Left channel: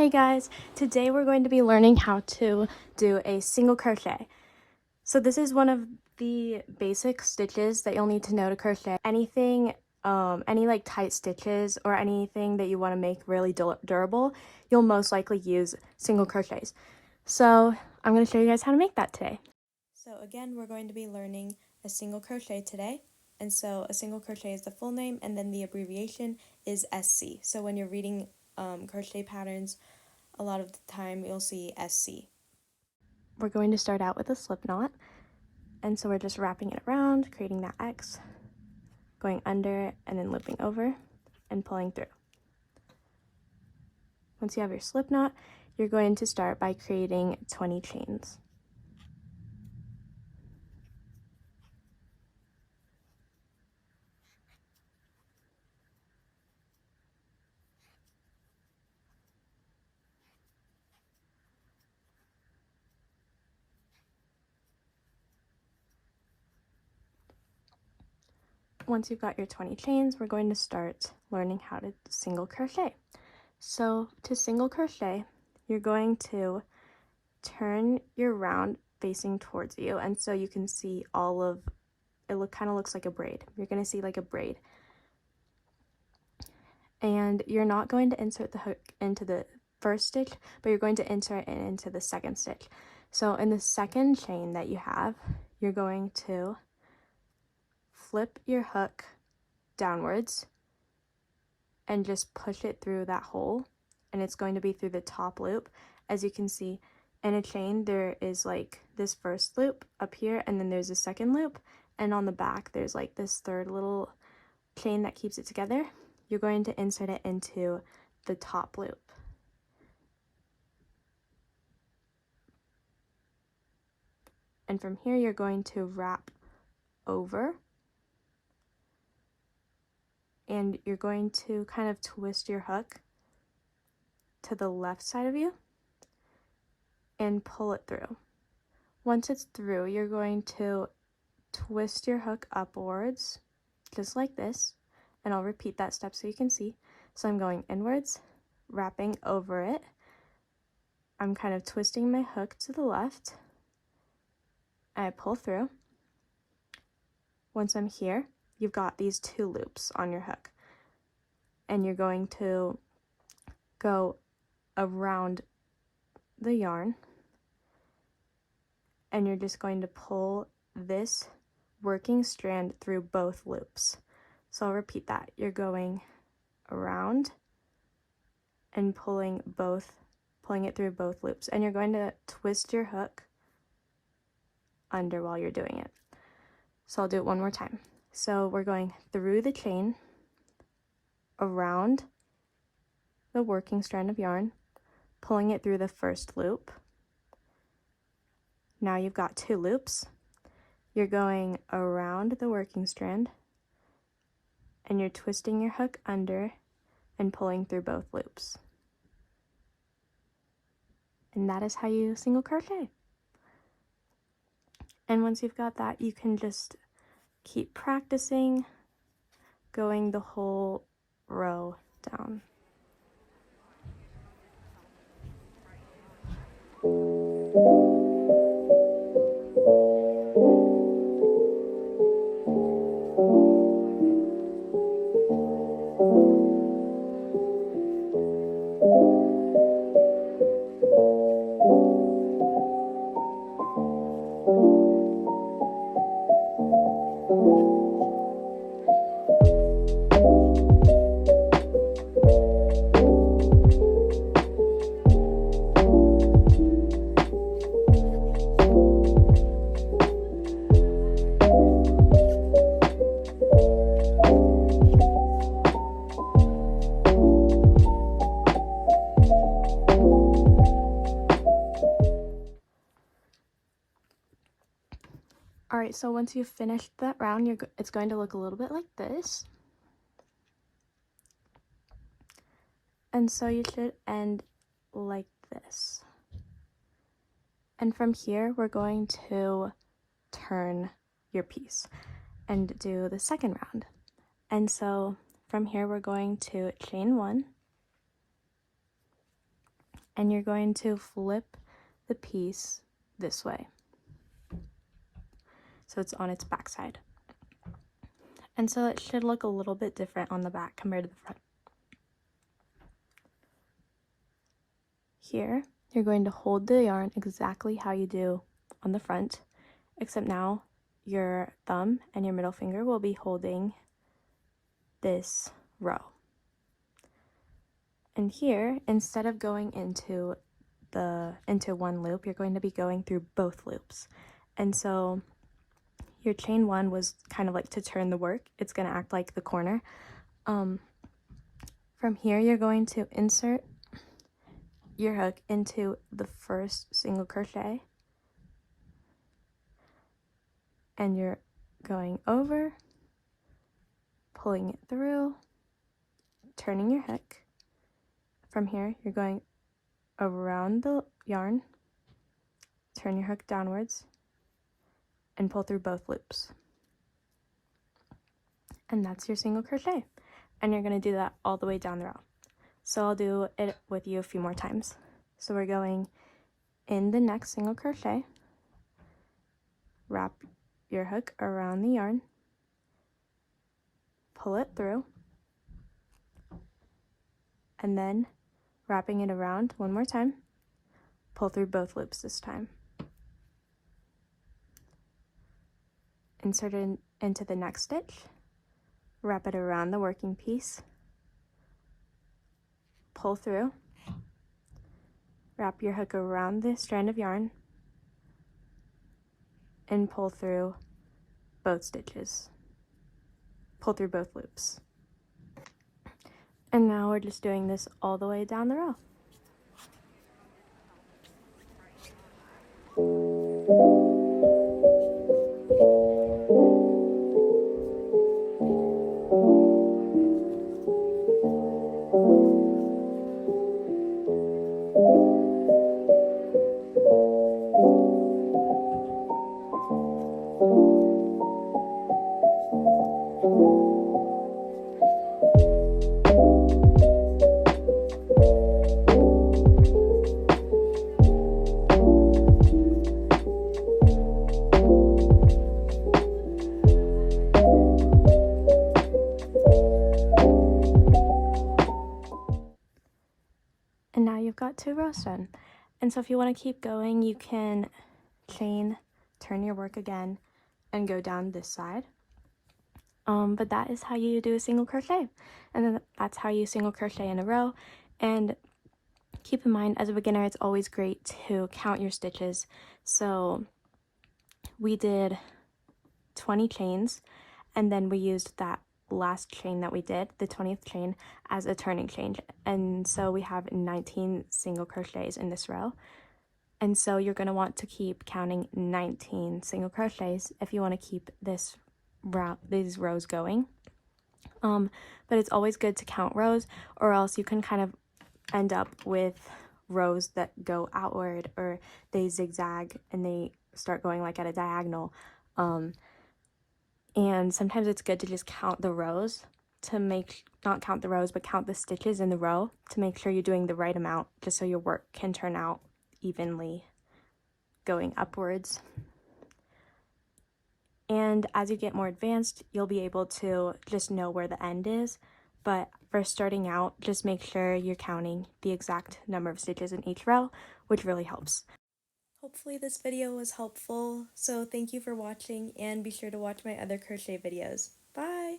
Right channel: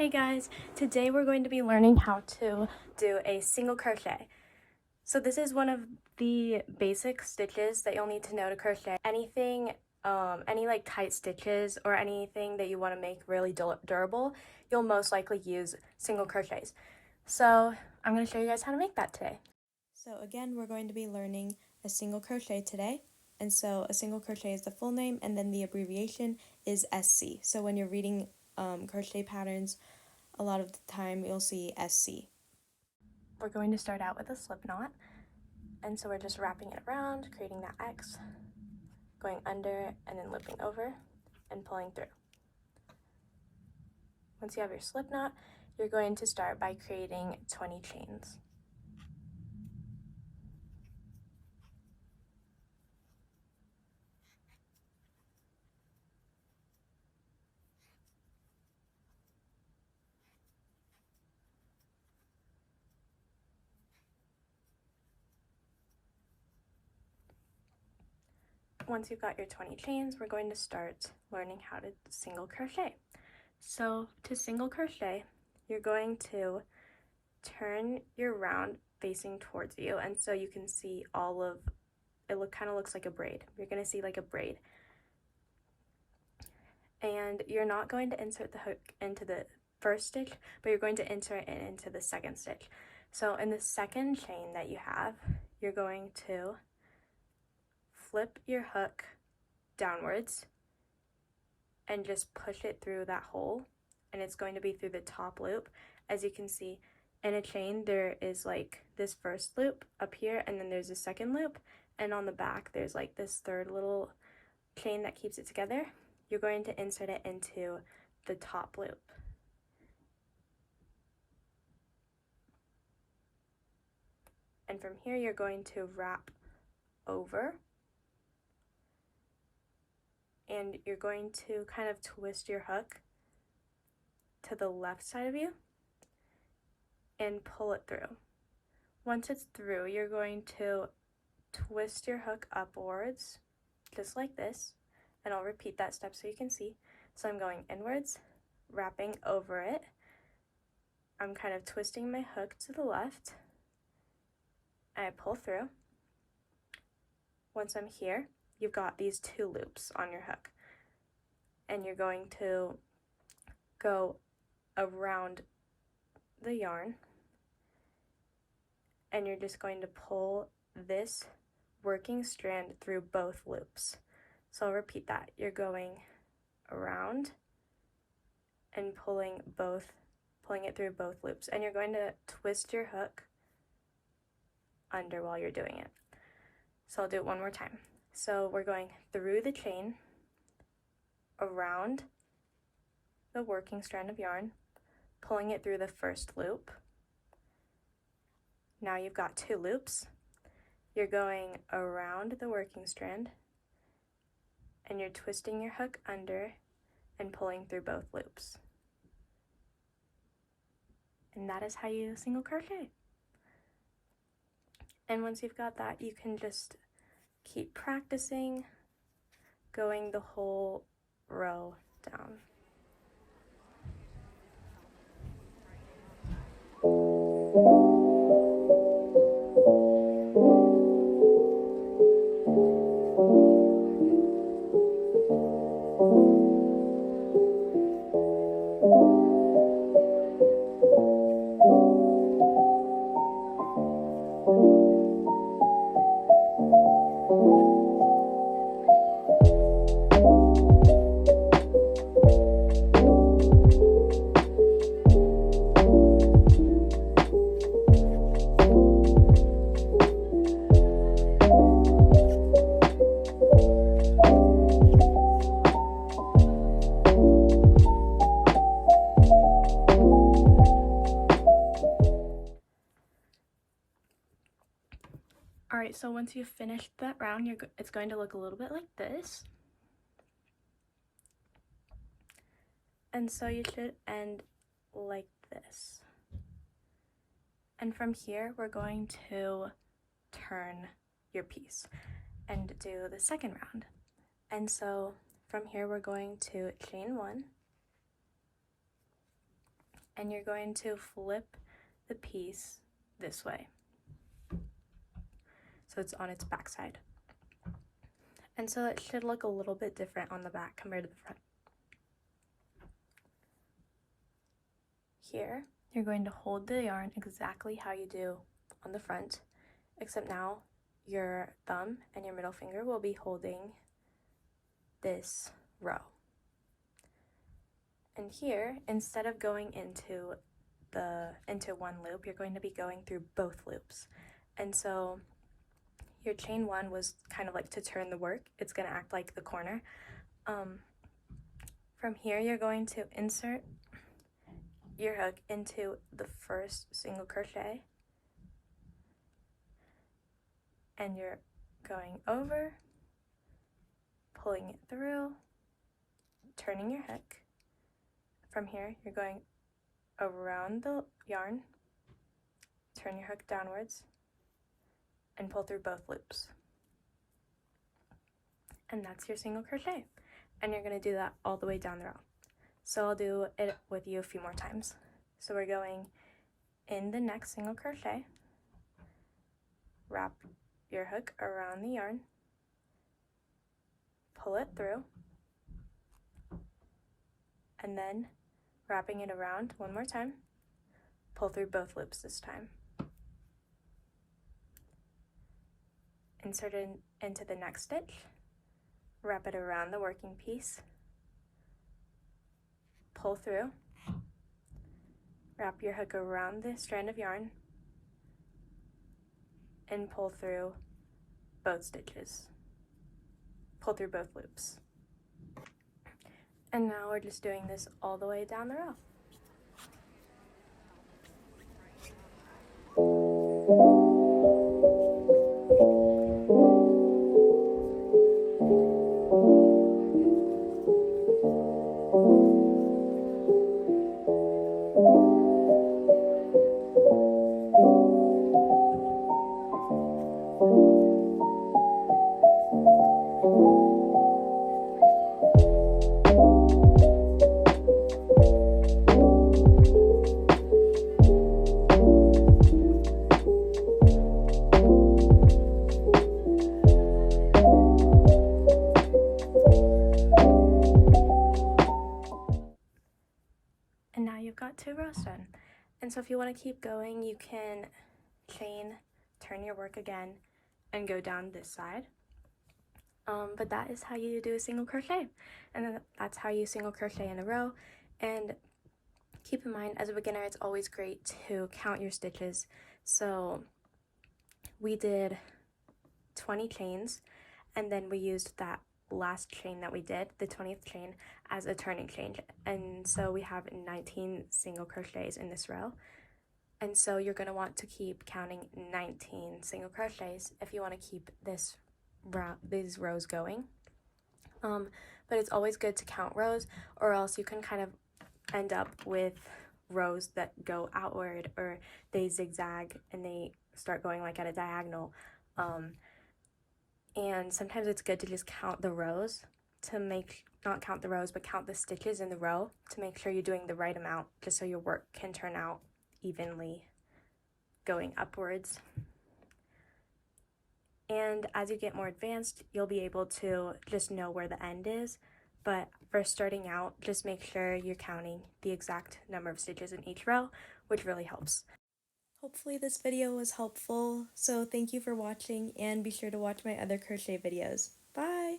Hey guys, today we're going to be learning how to do a single crochet. So this is one of the basic stitches that you'll need to know to crochet. Anything, any like tight stitches or anything that you want to make really durable, you'll most likely use single crochets. So I'm going to show you guys how to make that today. So again, we're going to be learning a single crochet today. And so a single crochet is the full name, and then the abbreviation is SC. So when you're reading crochet patterns, a lot of the time you'll see SC. We're going to start out with a slip knot, and so we're just wrapping it around, creating that X, going under and then looping over and pulling through. Once you have your slip knot, you're going to start by creating 20 chains. Once you've got your 20 chains, we're going to start learning how to single crochet. So to single crochet, you're going to turn your round facing towards you, and so you can see all of it. Kind of looks like a braid. You're going to see like a braid, and you're not going to insert the hook into the first stitch, but you're going to insert it into the second stitch. So in the second chain that you have, you're going to flip your hook downwards and just push it through that hole, and it's going to be through the top loop. As you can see, in a chain there is like this first loop up here, and then there's a second loop, and on the back there's like this third little chain that keeps it together. You're going to insert it into the top loop. And from here you're going to wrap over, and you're going to kind of twist your hook to the left side of you and pull it through. Once it's through, you're going to twist your hook upwards, just like this, and I'll repeat that step so you can see. So I'm going inwards, wrapping over it. I'm kind of twisting my hook to the left, and I pull through. Once I'm here, you've got these two loops on your hook, and you're going to go around the yarn, and you're just going to pull this working strand through both loops. So I'll repeat that. You're going around and pulling it through both loops, and you're going to twist your hook under while you're doing it. So I'll do it one more time. So we're going through the chain, around the working strand of yarn, pulling it through the first loop. Now you've got two loops. You're going around the working strand, and you're twisting your hook under and pulling through both loops. And that is how you single crochet. And once you've got that, you can just keep practicing going the whole row down. Alright, so once you've finished that round, it's going to look a little bit like this. And so you should end like this. And from here, we're going to turn your piece and do the second round. And so from here, we're going to chain one, and you're going to flip the piece this way. So it's on its back side. And so it should look a little bit different on the back compared to the front. Here, you're going to hold the yarn exactly how you do on the front, except now your thumb and your middle finger will be holding this row. And here, instead of going into one loop, you're going to be going through both loops. And so your chain one was kind of like to turn the work. It's going to act like the corner. From here, you're going to insert your hook into the first single crochet, and you're going over, pulling it through, turning your hook. From here, you're going around the yarn, turn your hook downwards, and pull through both loops. And that's your single crochet. And you're going to do that all the way down the row. So I'll do it with you a few more times. So we're going in the next single crochet, wrap your hook around the yarn, pull it through, and then wrapping it around one more time, pull through both loops this time. Insert it into the next stitch, wrap it around the working piece, pull through, wrap your hook around the strand of yarn, and pull through both stitches. Pull through both loops. And now we're just doing this all the way down the row. And now you've got 2 rows done. And so if you want to keep going, you can chain, turn your work again, and go down this side. But that is how you do a single crochet. And then that's how you single crochet in a row. And keep in mind, as a beginner, it's always great to count your stitches. So we did 20 chains, and then we used that last chain that we did, the 20th chain, as a turning chain. And so we have 19 single crochets in this row. And so you're going to want to keep counting 19 single crochets if you want to keep these rows going. But it's always good to count rows, or else you can kind of end up with rows that go outward, or they zigzag and they start going like at a diagonal. And sometimes it's good to just count the rows not count the rows, but count the stitches in the row to make sure you're doing the right amount, just so your work can turn out evenly going upwards. And as you get more advanced, you'll be able to just know where the end is. But for starting out, just make sure you're counting the exact number of stitches in each row, which really helps. Hopefully this video was helpful, so thank you for watching, and be sure to watch my other crochet videos. Bye!